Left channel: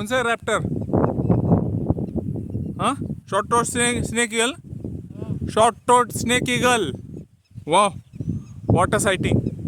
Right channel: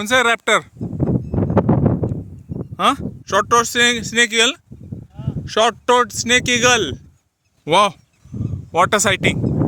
कोणचा आहे रॅप्टर? हां, शॉर्ट टोट स्नेक इगल. शॉर्ट टोट स्नेक इगल. वा, वॉटर सायटिंग.